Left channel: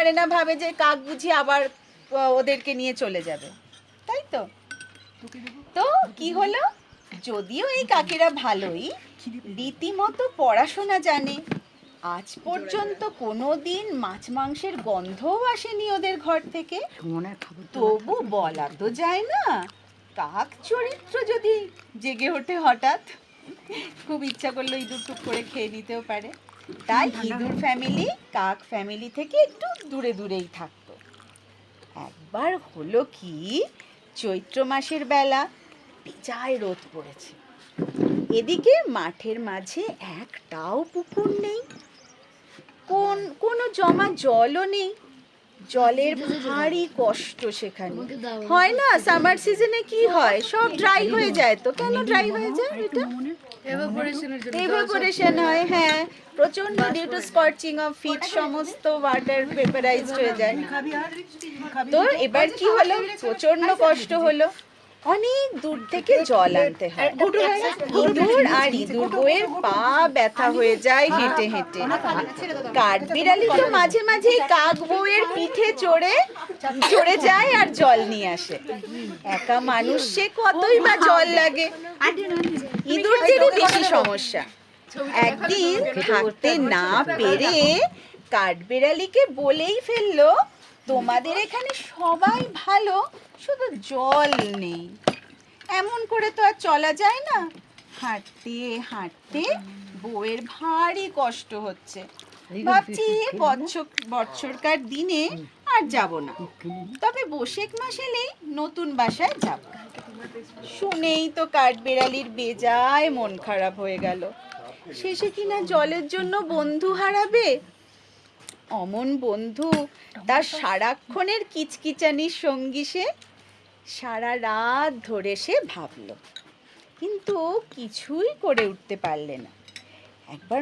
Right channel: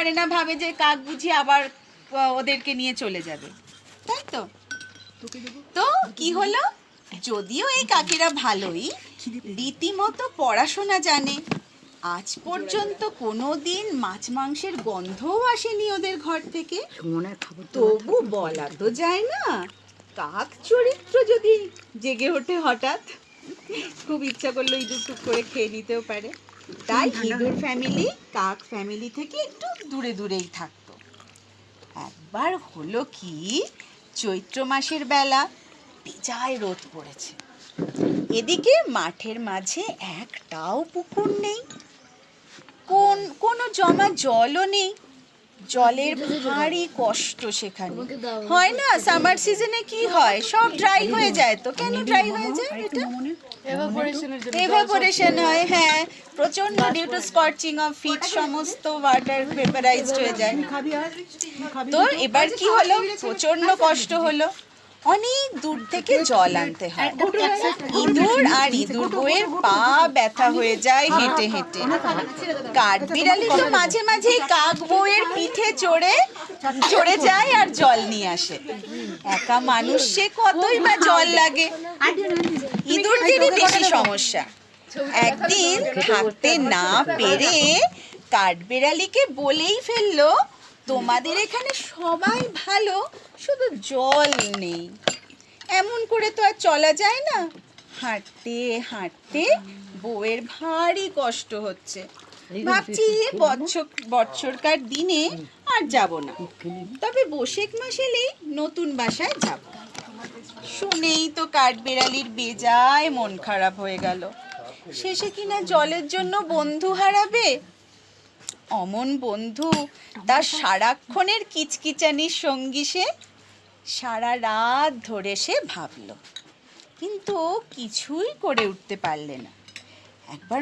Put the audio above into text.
পারে না, ভাবে যে কাক বুঝি আবার ওদেরকে নিয়ে চলে যাবে, তাই তো। তো কি হলো, যদিও এই কাকেরা ভালোই, রীতিমতো পড়াশোনা জানে, আজ পর্যন্ত কোনোদিন মাছ মাংসের গন্ধও আসেনি ওদের ঘর থেকে, তবু বলা তো যায় না, কাক চরিত্র যদি জেগে ওঠে হঠাৎ, খুব ইচ্ছা করলো ইঁদুর টুক করে খেয়ে নিতেও পারে, তাই ইঁদুর ফ্যামিলি কাক ফ্যামিলি থেকে একটু দূরে দূরেই থাকতো। একবার হলো কি, চৈত্র মাসের বেলা বেজায় রোদ পড়েছে, এদিকে মাঠের মাঝে একটাও পুকুর নেই, কোনো জমা জলও নেই, জলের ভারী কষ্ট সেখানে। হয় না সামার সিজনে কি হয়, সব ড্রাই হয়ে যায়। তো কেন ড্রাই হয়ে যায়? এটা এভাপোরেশন হয়, হ্যাঁ, প্রচন্ড due to scorching of heat সমস্ত ওয়াটার ভেপারাইজড হয়ে যায়। তো এবার কি হলো, প্রচন্ড কষ্ট হলো, অনেক দূর থেকে জল আনতে হয়। ইঁদুর আর ইঁদুর বউয়ের পা ব্যথা হয়ে যায় হেঁটে হেঁটে। কাঠবিড়ালি তো মাঝে মাঝে কাক বউয়ের পিঠে চড়ে যায় আর জল নিয়ে আসে। একা মানুষ সে কতই বা জল লাগে, ইঁদুরদেরই বেশি সমস্যা। একদিন থাকতে না পেরে কাঠবিড়ালিকে বলেই ফেললো, তোমাদের এখানে সবাই ভালো, শুধু জল নেই, এমন করে তো আর চলা যায় না। হাঁটতে হাঁটতে বউয়ের ভারী কষ্ট হচ্ছে, ভাবছি বৎসরকার দিনে আর যাব না, তবে বৈশাখ মাস এলেই নতুন বাসায় যাব। শুনেই তো কাঠবিড়ালির বেজায় মন খারাপ হয়ে গেল, শেষে কিনা জলের জন্য বন্ধু হারাবে। অমন বন্ধু তার সারাক্ষণের কিচকিচানির সঙ্গী সে, সারা রাত ধরে সে ভাবল, কিন্তু কিছুই করে উঠতে পারলে না। একবার